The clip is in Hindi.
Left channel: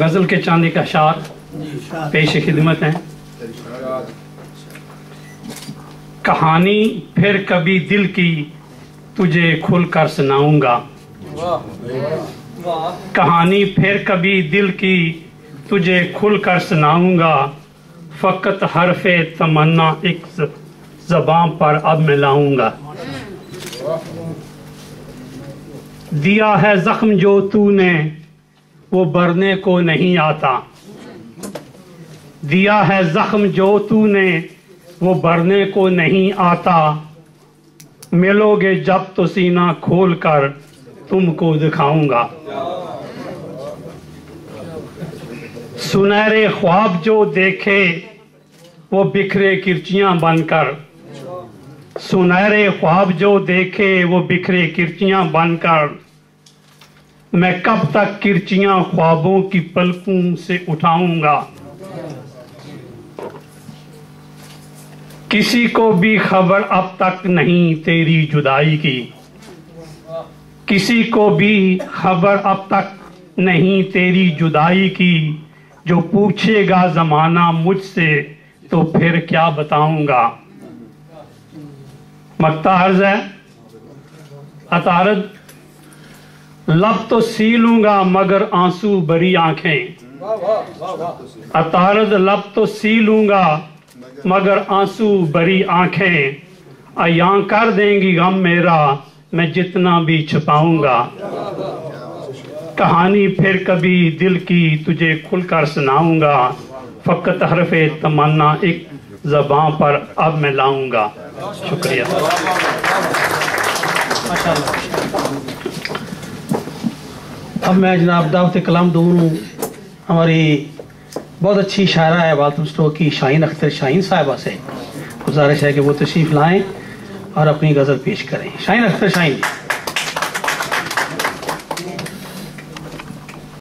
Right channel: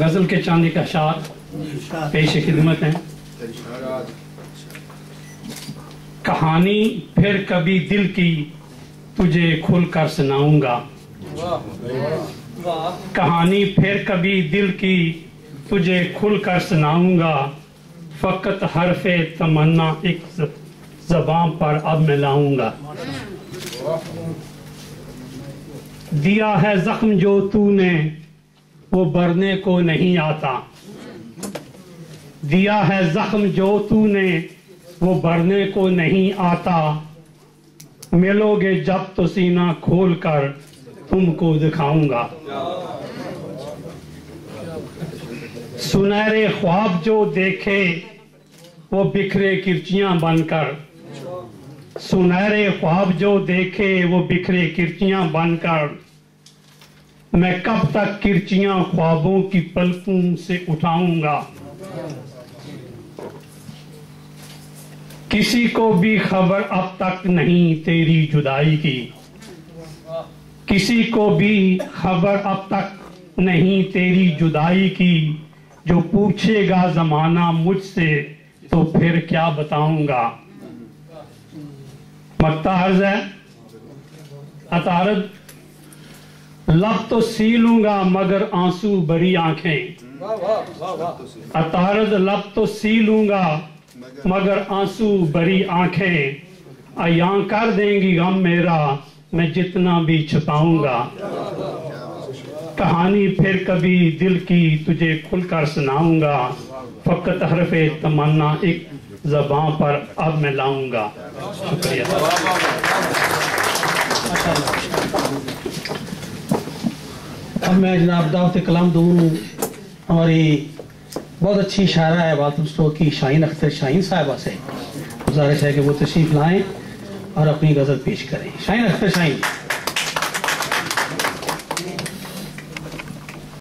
गज़ल के चांदी का शार पेश खिदमत है। कहानी फिर कभी दिल की तुझे खुलकर सुनाऊंगा, कहानी फिर कभी दिल की तुझे खुलकर सुनाऊंगा, फ़कत हरफ़े तमन्ना एक ज़बान पर अब मैं लाऊंगा। दिया है ज़ख्म जो तूने वो भरने को नहीं आता, दिया है ज़ख्म जो तूने वो भरने को नहीं आता, मिलोगे जब तो सीना खोल कर तुमको दिखाऊंगा। सुनहरे ख्वाब जो देखे वो बिखरे किरचियां बनकर, सुनहरे ख्वाब जो देखे वो बिखरे किरचियां बनकर, मैं कब तक किरचियां ख्वाबों की पलकों से उठाऊंगा। किसी को भी खबर अब तक नहीं तेरी जुदाई की, किसी को भी खबर अब तक नहीं तेरी जुदाई की, जो पूछेगा जमाना मुझसे तो फिर क्या बताऊंगा। मक्ता अर्ज है अतारद, लब तो सी लूंगा मगर आंसू भरी आंखें, अतारद लब तो सी लूंगा मगर आंसू भरी आंखें, अयां कर देंगी गम मेरा मैं जितना भी छुपाऊंगा। कहानी फिर कभी दिल की तुझे खुलकर सुनाऊंगा, फ़कत हरफ़े तमन्ना एक ज़बान पर अब मैं लाऊंगा। शुक्रिया। अब मैं जनाब दावत कलाम दूर हूँ। हमारी बहुत अच्छी शायरा है वालतमस्टो की शाहीन अख्तर शाहीन साहिबा से गुजारिश है कि वो तशरीफ़ लाएँ और अपनी गज़ल पेश करें। शाहीन अख्तर शाहीन।